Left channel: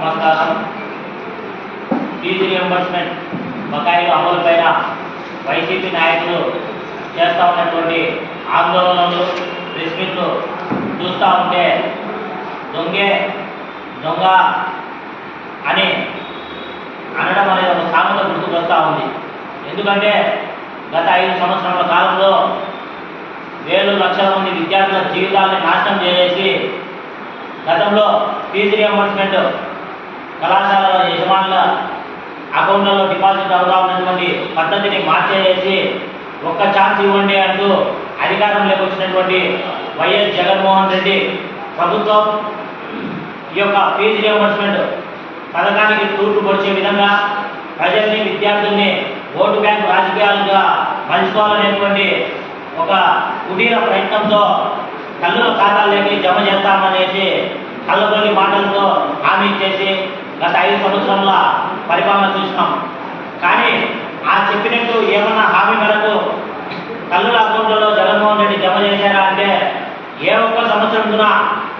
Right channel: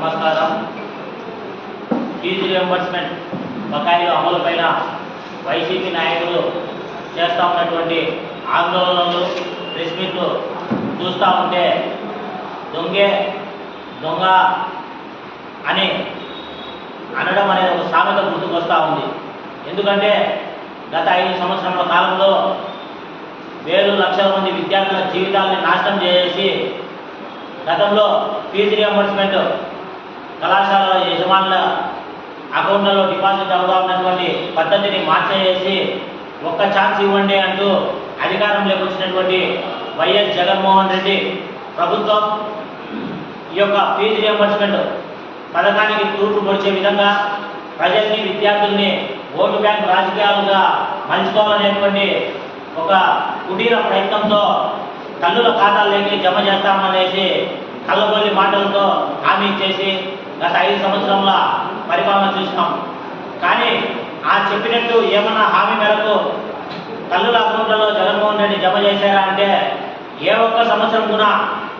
నమస్కారం. Fee reimbursement బకాయిలు అమలుపైన YCP నాయకులు చేస్తూ ఉన్నటువంటి ఆందోళనలు, ప్రెస్ మీట్లు చూస్తూ ఉంటే దొంగ అని అనడం అనేది ఒక సామెత గుర్తుకొస్తూ ఉంది. ఎందుకంటే గత 5 సంవత్సరాల కాలంలో వేలు లక్షల మంది విద్యార్థుల జీవితాలని నాశనం చేసి గతంలో ఫీజు రియంబర్స్మెంట్ కళాశాలల యజమానుల అకౌంట్లలో డిపాజిట్ అవుతా ఉన్నటువంటి పద్ధతిని మార్చేసి ఒక్క ఛాన్స్ ఇవ్వండి అంటూ అధికారంలోకి వచ్చినటువంటి వైఎస్ జగన్మోహన్ రెడ్డి ప్రభుత్వం ఈ యొక్క ఫీజు రియంబర్స్మెంట్ పథకానికి తూర్పు పొడిచే విధంగా ప్రజల్ని, విద్యార్థుల్ని ఓటు బ్యాంక్ రాజకీయాలుగా మలుచుకోవాలనేటువంటి ఒక కుటీర ప్రయత్నంతో తల్లుల ఖాతాల్లోకి జమ చేస్తామనేసి కళ్ళబొల్లి మాటలతో హామీ ఇచ్చేసి గత 5 సంవత్సరాల పరిపాలన చూసినాం. కానీ ఆ చెప్పినట్టు ఏమన్నా హామీ మేరకు తల్లుల అకౌంట్లలో జగన్మోహన్ రెడ్డి జమ చేశారా అంటే ఏ ఒక్క సంవత్సరం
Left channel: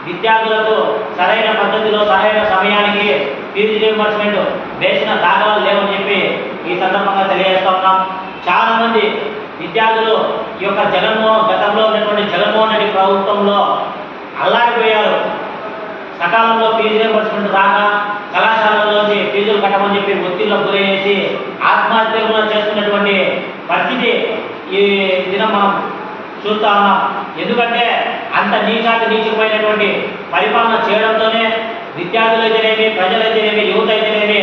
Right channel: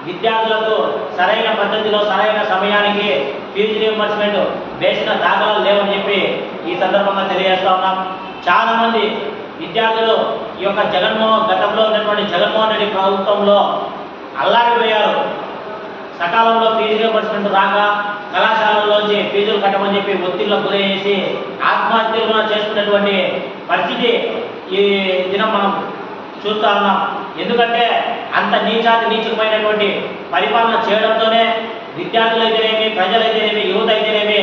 విద్యార్థులకు సరైన పద్ధతిలో సరైన సమయానికి ఫీజు రియంబర్స్మెంట్ వేసిన దాఖలాలు లేవని చెప్పి ఈ సందర్భంగా తెలియజేస్తా ఉన్నాం. చాలామంది విద్యార్థులు ఈ యొక్క గతంలో ఉన్నటువంటి జగన్మోహన్ రెడ్డి ప్రభుత్వంలో అల్లాడిపోయారు. సకాలంలో ఫీజు రియంబర్స్మెంట్ రాక కళాశాలల్లోంచి ఫీజులు కట్టమని చెప్పి ఒత్తిడిలో గురయ్యేసి ఆత్మహత్యలు చేసుకున్నటువంటి పరిస్థితి ఈ దినం మనం చూస్తూ ఉన్నాం. ఎందుకంటే అంత నీచమైనటువంటి పరిపాలన చేయడంతోనే విద్యార్థులైతేనేమి, ప్రజలైతేనేమి, యువత అయితేనేమి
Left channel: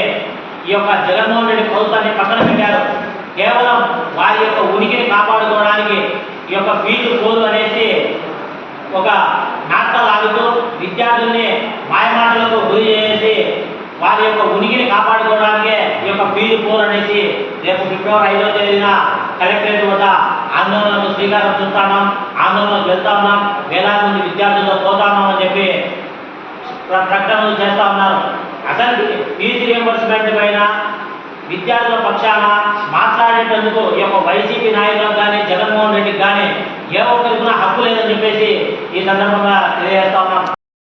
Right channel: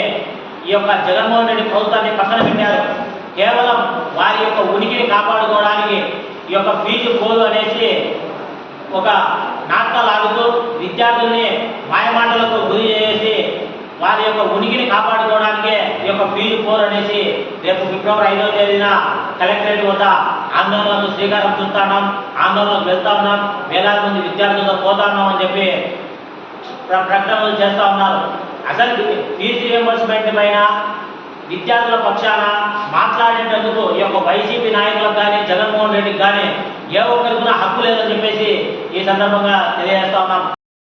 ఈ యొక్క జగన్మోహన్ రెడ్డి ప్రభుత్వాన్ని పక్కన పెట్టారు. కేవలం వారి యొక్క ఉనికిని కాపాడుకోవడానికి ఈ యొక్క ఫీజు పోదు అనేసి ఒక నాటకాలు ఆడుతూ విద్యార్థుల్ని మాయమాటలకు గురి చేసి వారి యొక్క ఉనికిని కాపాడుకోవడానికే ఈ యొక్క ఫీజు పోరు అనేసి రేపు ఫిబ్రవరి 5వ తేదీన కలెక్టరేట్ వద్ద ఆందోళనకు శ్రీకారం చుట్టాం. ఆందోళనకు వెళ్తా ఉన్నాం. వేలాది మంది విద్యార్థులతో పోతా ఉన్నామని చెప్పి ప్రకటనలు చేస్తూ ఉన్నారు. అసలు ఫీజు రియంబర్స్మెంట్ పైన విద్యార్థుల పక్షాన మాట్లాడేటందుకు ఈ యొక్క వైసీపీ నాయకులకు కానీ, జగన్మోహన్ రెడ్డికి కానీ ఏ ఒక్కరికి హక్కు లేదని చెప్పేసి ఈ సందర్భంగా తెలియజేస్తా ఉన్నాం.